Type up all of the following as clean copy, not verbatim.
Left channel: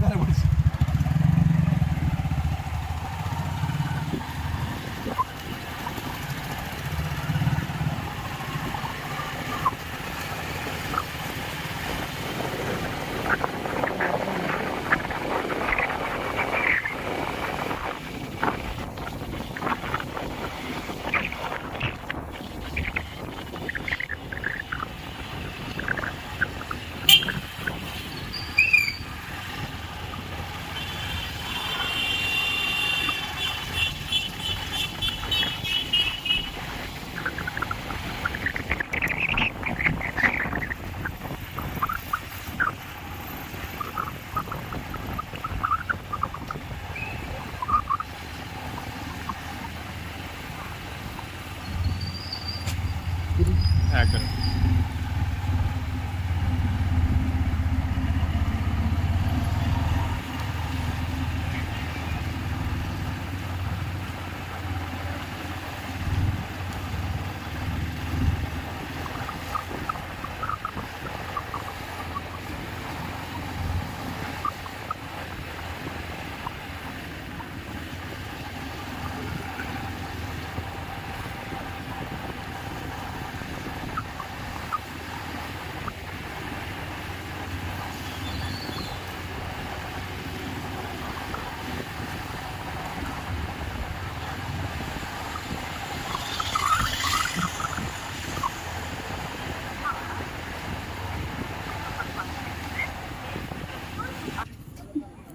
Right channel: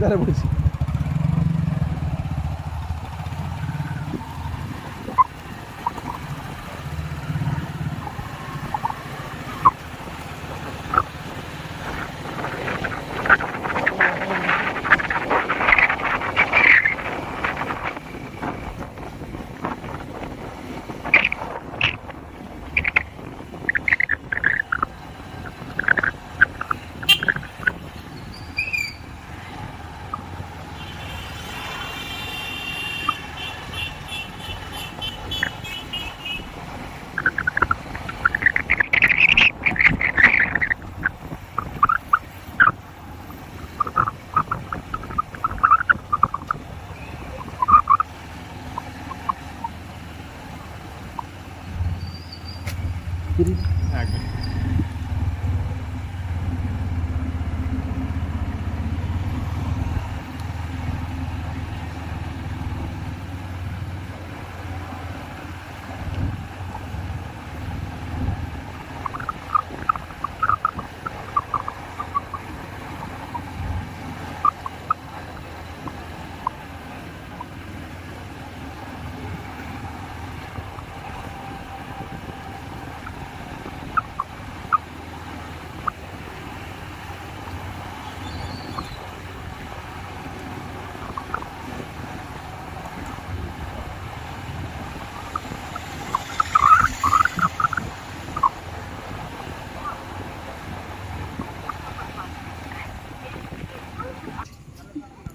ସୁବିଧାରେ ପଡ଼ିଛି।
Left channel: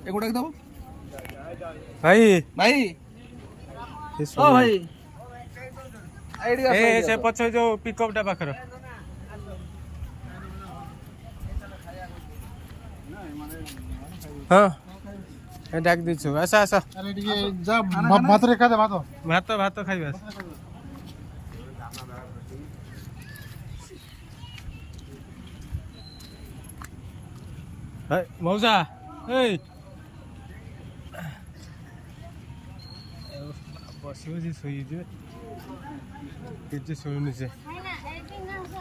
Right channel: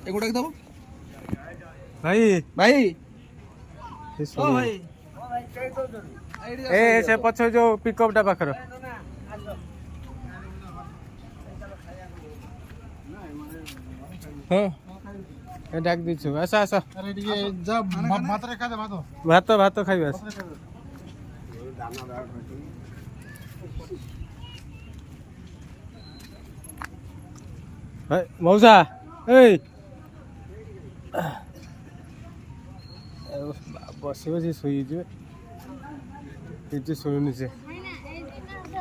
एगोटा दब भाई भाई ओ भाई ए से पछ जो पिकअप टा पाखर हाँ ए डाक दिछु आसा आसा अरे ये जा भात रे का दे भात भात खाइबा हाय मौसा ए बसी बसी शुईजे किसी शुणुनि से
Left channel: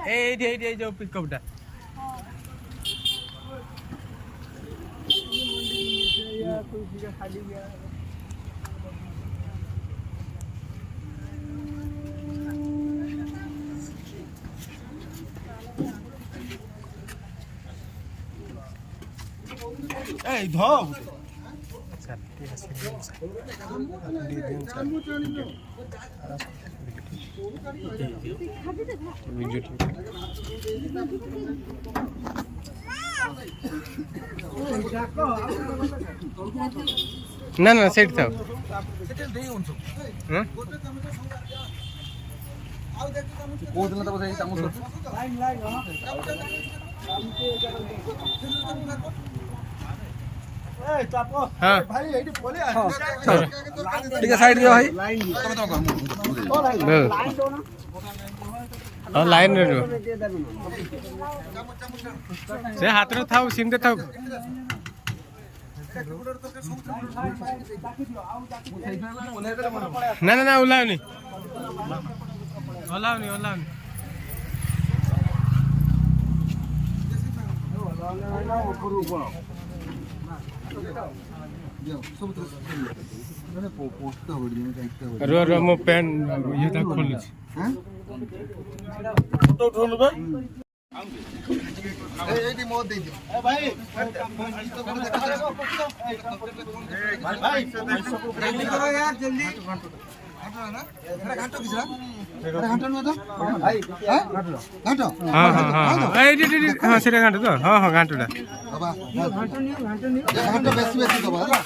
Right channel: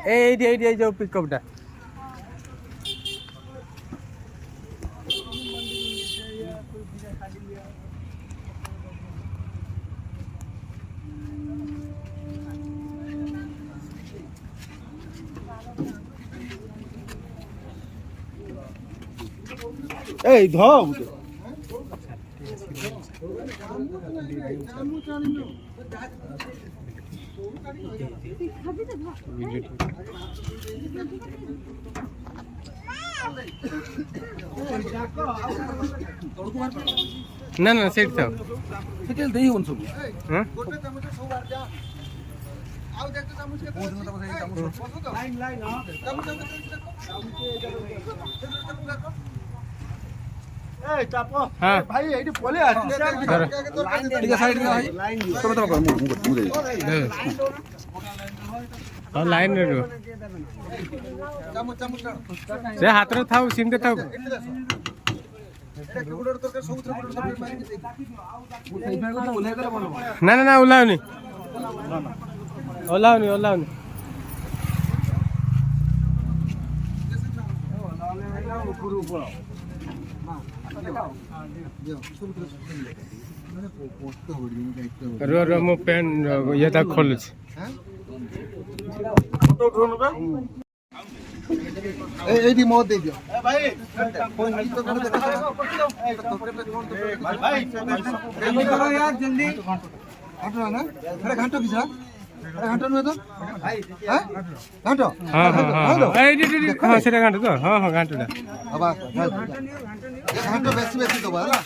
ये जो पिकअपटा ए धब ना ना सेट था सेटेल देई होन सब हां गोटे चमच सब बार जा आउ देख तो चमच के कोन तो बजाई चमच लाइन लाइन हां ए चापो हां भाई एठी पोले आ ठीक है साइड के भाई लाइन तब तो हां लाइन रे से हाथ रे थाउ सिंदे थाउ ना ना ना ओलाउनी ओलाउनी ओलाउनी रो रो मो पेन ये ता खोल छ एदी मत दे दियो ए भाई भाई भाई यार जल्दी हटो ना अरे घंटा किसा अरे घंटा में तो भाई हैं घंटा हां हां हां ए डी हां सेटा घंटा तो हां हां घंटाटा अब घंटा बेसी बेसी दबा है ना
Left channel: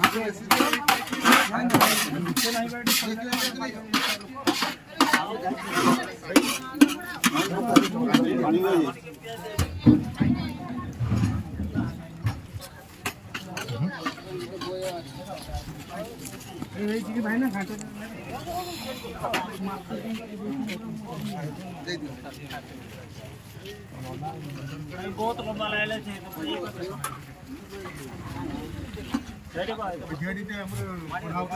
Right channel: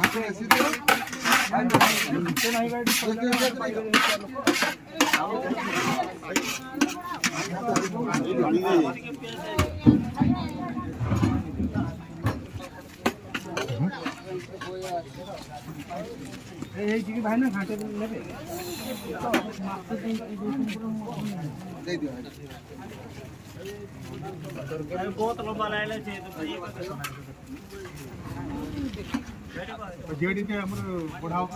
घंटा बेसी नहीं भाई ना घाटे दे दियो बहुत लंबा लाइन है जेडी ते हम पढ़ाओ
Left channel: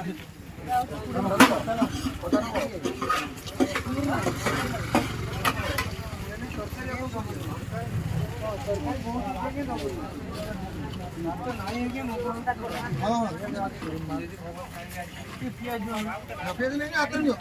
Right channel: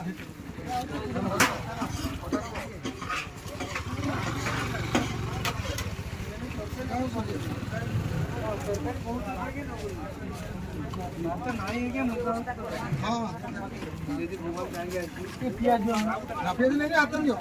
पियाज नहीं आते नहीं